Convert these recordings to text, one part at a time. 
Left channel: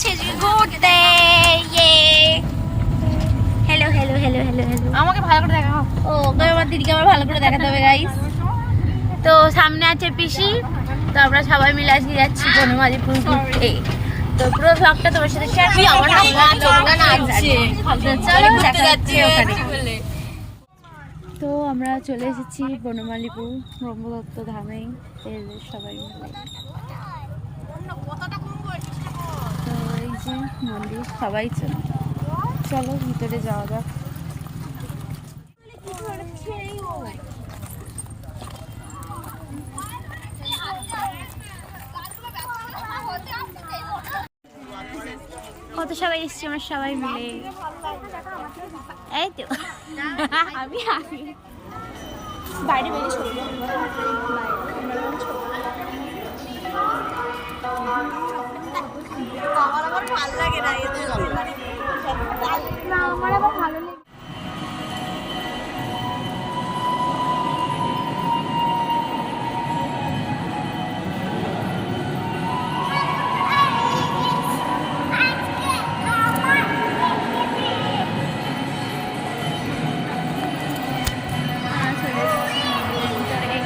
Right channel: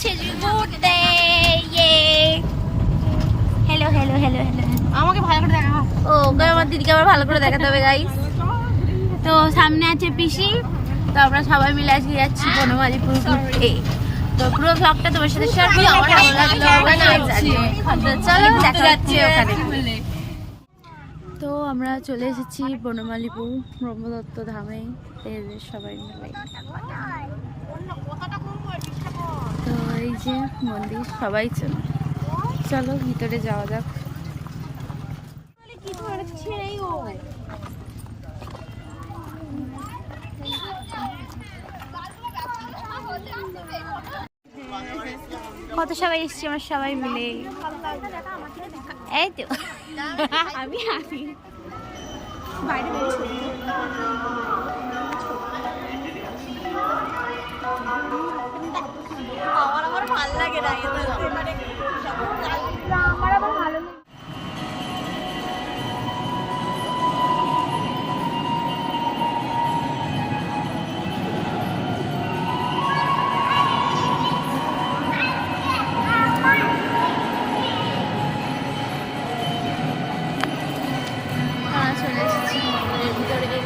যাচ্ছে ঘুরতে। Hello hello hello hello hello, আমাকে ভালো করে দেখাও। ও আমার দিদিকে আবার ভালো করে দেখাতে হবে গাইস। তো সামনে আছে পিসি, তো আমরা সবাই মিলে আজকে যাচ্ছি বনমালীপুর ঘুরতে। তো পুরো ভ্লগটা তোমার সাথে শেয়ার করি। চলো দেখা যাচ্ছে ওখানে। তো আমরা চলে এসেছি বনমালীপুর ব্রহ্মদত্ত ধামে, সবাই মিলে। তো এই যে মন্দির, সবাই চলো ভিতরে যাওয়া যাক। কত সবাই এসছি আমার সবাই মিলে, এই তো আমি বাইরে আমার আবার ভালো লাগে না, আমার আবার ভালো লাগে। চলে এসেছি ভিতরে।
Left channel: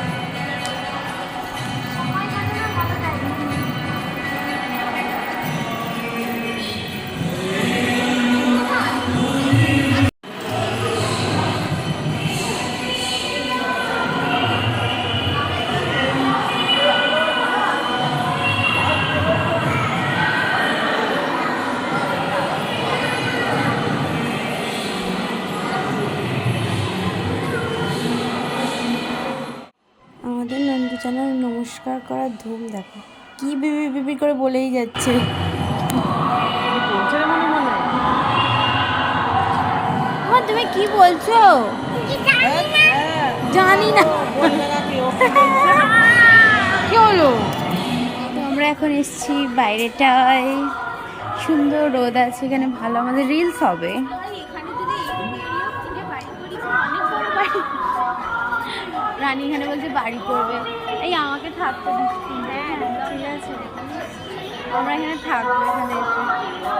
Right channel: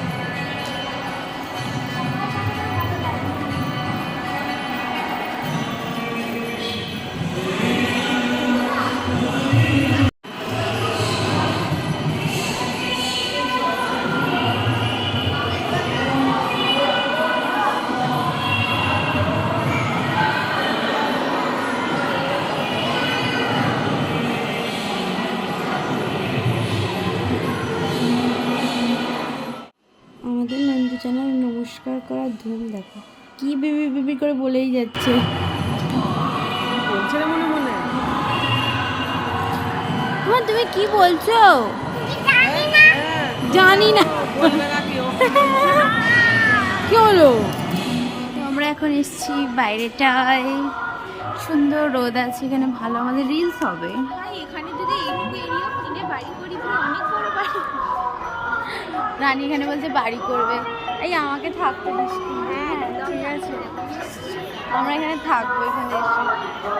আমাদের নন্দু চ্যানেল নমস্কার করার ধুম দেখো, কি বিবি বিবি করে বলেই যাচ্ছে। তুমি কি বলছো? জানি না কি হলো। তো আমরা এখন এসেছি বাইরেটায়, সুন্দর রোদ আছে এখানে, ভালো আমাদের রিলস হবে। এখানে যদি রানী এখানে বলছে বাড়ি করবে, এই আমাকে থাকতে দিস। ঠিক আছে, আমরা এখানে থাকবো, এখানে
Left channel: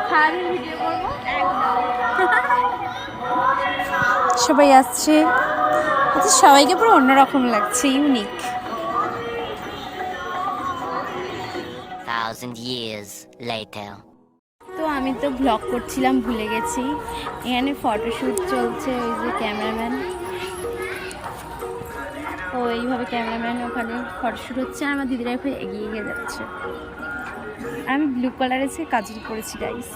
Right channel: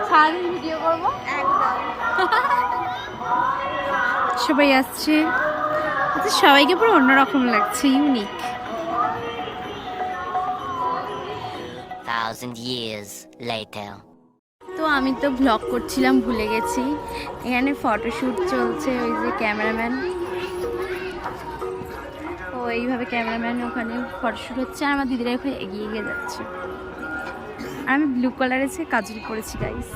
সারাদিন ভিডিও করবো। সবাই আসছে, আচ্ছা সবাইকে পুরো অন্যরকম লাগছে, ইউনিক। 1000 years later. তো আমি তো ব্লগ করছিলাম, ভুলে গেছি। এখানে ফটোশ্যুট চলছে, ওই যে ক্যামেরাম্যান, ও এইভাবে ক্যামেরাম্যান ওখানে ফটোশ্যুট হচ্ছে, আর আমার দিদিরা ওখানে এগিয়ে এগিয়ে যাচ্ছে। আর আমি ব্লু কালারের কাজল করেছি গাইস।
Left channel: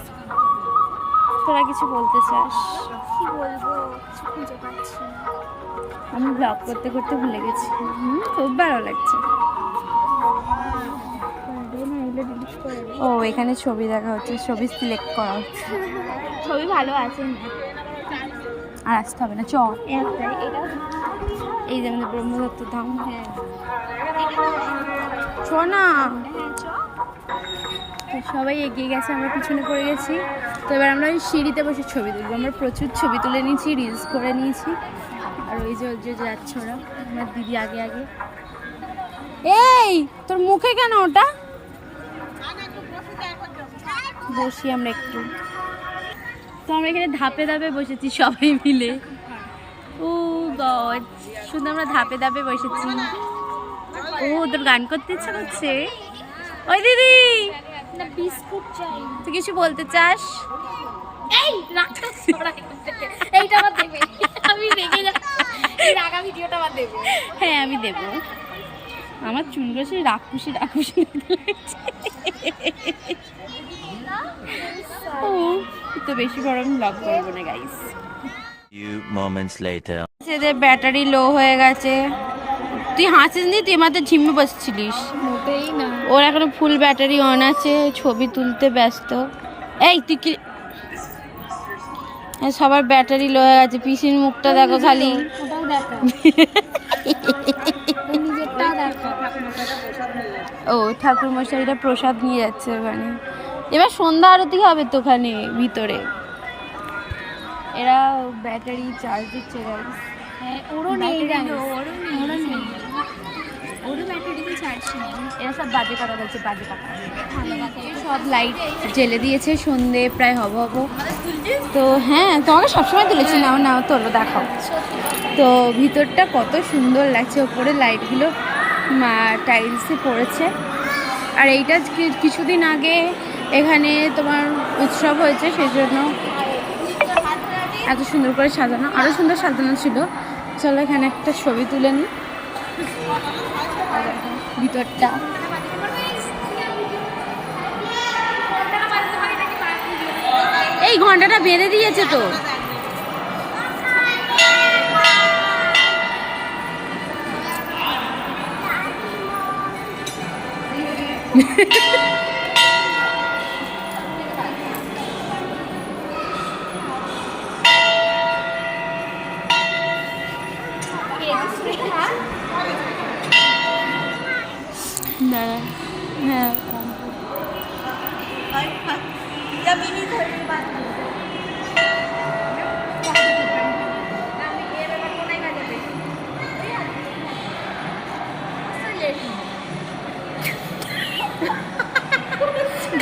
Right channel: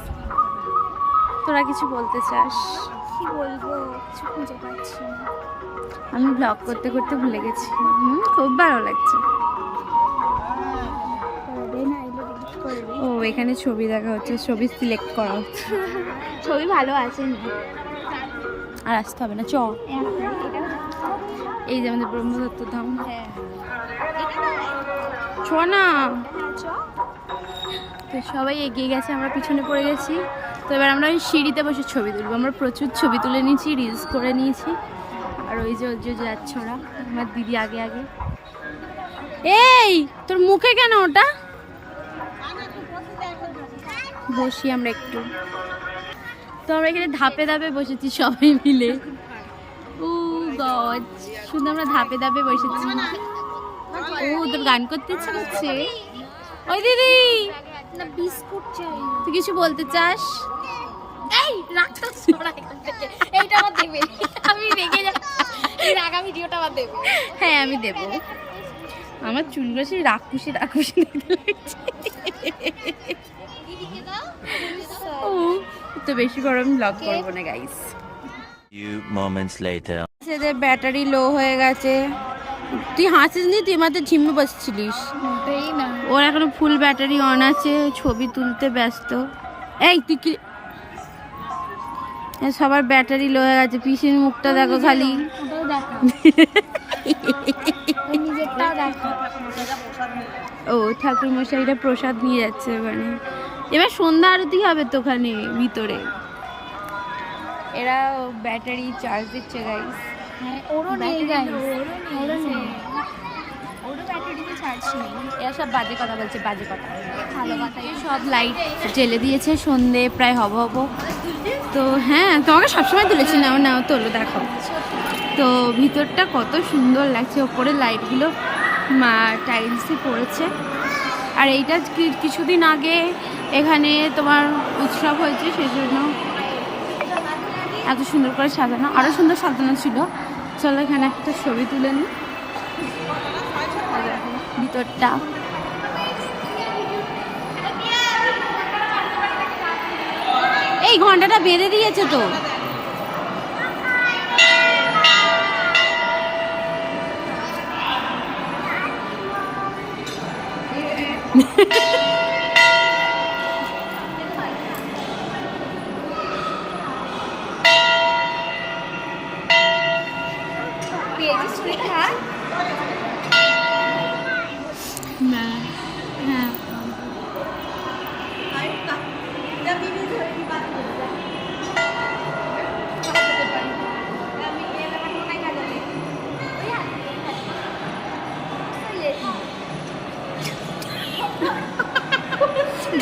তোরা কিছু বলতে চাস? কি বলবো, কিছু খুঁজে পাচ্ছি না। আমি ব্লগ করতে করতে ভুলে গেছি। খুব ভালো লাগছে। ও এখানে ছবি দেখা হচ্ছে, ছবি সিলেক্ট করা হচ্ছে। ছবি ভালো আছে, আর আসতে হবে না, চ। এই যে আমাদের ব্রহ্মদত্ত ধাম, ছ না। তো সবাই এগিয়ে গেছে, আমরা পিছনে পড়ে গেছি। তো এবার আমরা ওই সিঁড়িতে বসে ছবি তুলবো। আমরা প্রচুর ছবি তুলে নিয়েছি, রিলস করে নিয়েছি। আর ওই যে যাচ্ছে ওরা, আমার দিদি আগে আগে। এই তোর মুখে কেন ওটা? বসি আমরা একটু। তো আমরা এখানে ধাপে ধাপে বসেছি সবাই মিলে। ও গড, শুধু আমরা ধাপে ধাপে বসেছি। ও তোর গান করতে ইচ্ছা করছে? ওই দিদি না, বিস্কুট চাই। তুই কিছু বলতে চাস? এই রাগটা এইটা আমার দেবে, আমি রেগে যাচ্ছি। এই রাগা ভিডিওটা আমার দেবে। হ্যাঁ আমি দেব। আমার চুলগুলো সেই রাক্ষুসি রাক্ষুসি লাগছে। ও তো বেশি বড় আমি ব্লগ করবো না গাইস। Few moments later. সেদের ব্যাটারি লো হয়ে গেছে। তুই হাসিস নি, তুই আমাদের ঝিমে বসছিলিস। মোটেই না। ওর এখনো ফুল ব্যাটারি অন আছে, ছবি তুলতে ব্যস্ত। এই তুই কি, সবার ব্যাটারি লো হয়ে গেছে। পিসির মুখটা দেখো খালি। ওটাও দেখা, নিজেরটাও দেখা। ও ঠাকুর মশাইরা প্রসাদ নিয়ে যাচ্ছে ওখানে। এবার সন্ধ্যা আরতি হবে তো ওখানে ভিতরে। এরা ব্যাটারি চার্জ দিচ্ছে গাইস। হ্যাঁ, ওরও নেই, ওরও নেই, ওরও ব্যাটারি এরা সব বাজে কথা বলছে, বাজে কথা। সব লাইট জ্বেলে দিয়েছে, সন্ধে প্রায় হব। তো হ্যাঁ, তোমাকে সবসময় তুলেছি, নাও নাও তোলো, দেখাও। তো ভিতরটা কত সুন্দর লাগছে, ওপরে লাইটগুলো টাইলসে পড়েছে। আর এইটা কিছুদিন আগে এখানে তোমার উৎসব হয়েছে, সেই জন্য এত সুন্দর করে সাজানো, আরও সুন্দর সাজানো ছিল। চলো এখানে একটা ছবি তুলে নিই। আর দেখো ভিতরটা, এই ঘন্টাটা বেঁধে দিয়েছে তো। হ্যাঁ,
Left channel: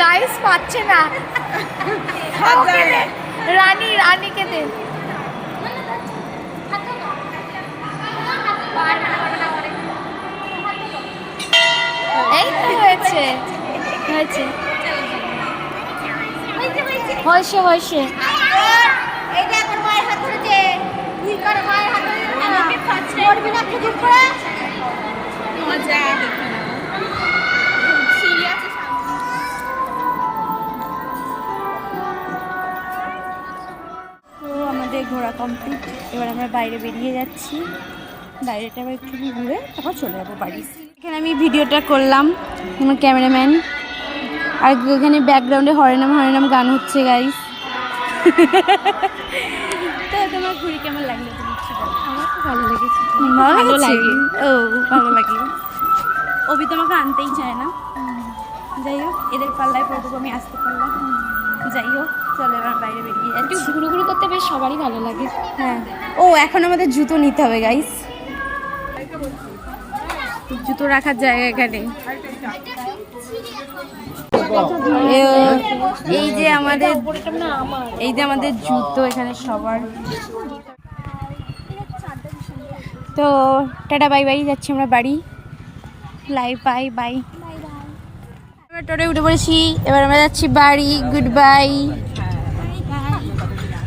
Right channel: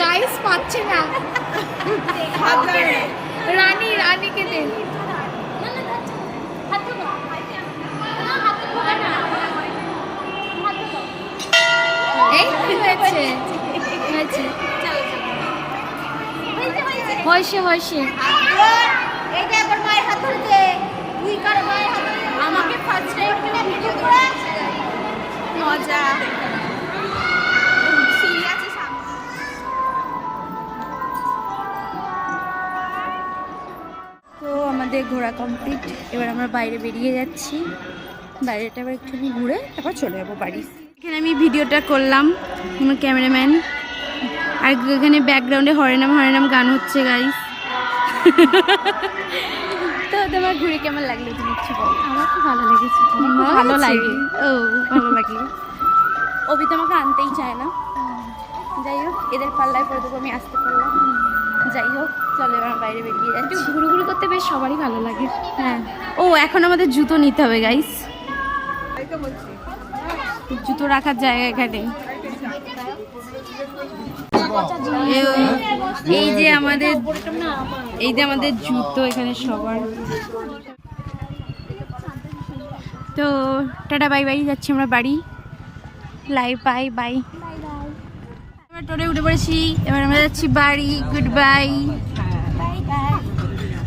গাইস পাচ্ছে না। রানীকে দে। এই হয়েছে হয়েছে হয়েছে হয়েছে। এই দেখ ওর মায়ের হাত ধরেছে, তুই কার মায়ের হাত ধরে আমাকে ফার্স্ট করবি না কি দূর করে মজা দেখতে না সিঁড়ি আছে সামনে। তো আমাদের ঘোরা কমপ্লিট, এবার আমরা বাইরে বেরিয়ে যাচ্ছি। বাইরেটা আবার একটু ঘুরে তারপর চলে যাবো বাড়ি। এখানে আমি ভিডিওটা করলাম, আমার ক্যামেরাম্যান, আর এখানে ব্যাকগ্রাউন্ডে হরেনাম গান হচ্ছে গাইস। তো তোমার ঘুরে কেমন লাগলো তুমি কিছু বলো? আমার খুব ভালো লেগেছে, ভালো লাগে। ও ভালো লাগে। অভি তোমাকে আনতেই চায় না। যাই হোক, এদের পাল্লায় পড়ে দেবো, আমি আসতে পারলাম। যাই হোক, চলো এবার বাইরে বেরিয়ে যাচ্ছি। ঘুরু করতে বেশ সবারই ভালো লাগে। হ্যাঁ, ও এখন আমাদের জুতো নিতে হবে গাইস, জুতো রাখার জায়গা এখানে। এই যে আমাদের জুতো এখানে সবার। তো টাটা বাই বাই, যাচ্ছি আমরা বাড়ি। Bye bye. আমরা টোটোয় উঠে পড়েছি, এবার আমরা যাচ্ছি বাড়ি। Good bye.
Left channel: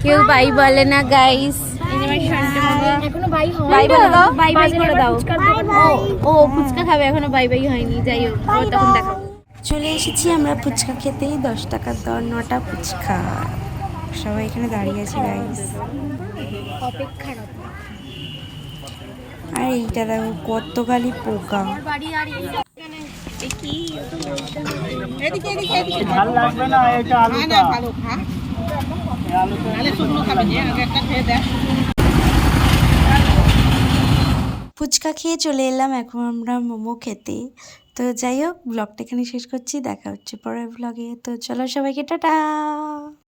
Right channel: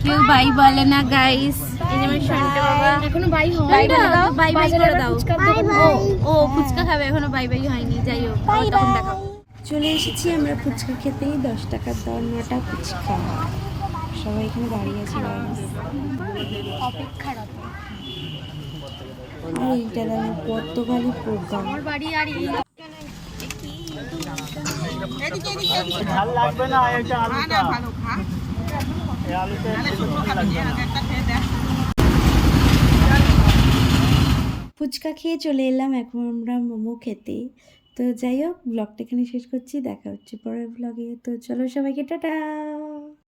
কেউ বাই বলে না গাইস। এই যে আমার সন্টে মামা এখনো বাই হয় বাই বলে দাও, বাই বাই করে দাও। বাই। ও ফুচকা খাবে, এখনো বাই বাই হয়নি। যাই হোক, আবার তখন দেখাবো। চলে এসেছি আমরা ফুচকা খেতেই। 10 টাকার দর, 9টা ফুচকা। সবাই এখানে দাঁড়িয়ে আছে গাইস। অপেক্ষারত। আর এইটা দেখো কত গালি পোকা। আমার বাড়ি আর এই ফুচকা খেয়ে চলে এলাম এখন আমরা মোমো খেতে। তো যাই হোক, ব্লগটা এখানে শেষ করছি, দেখা হচ্ছে পরের ব্লগে। তো চলো সবাইকে টাটা।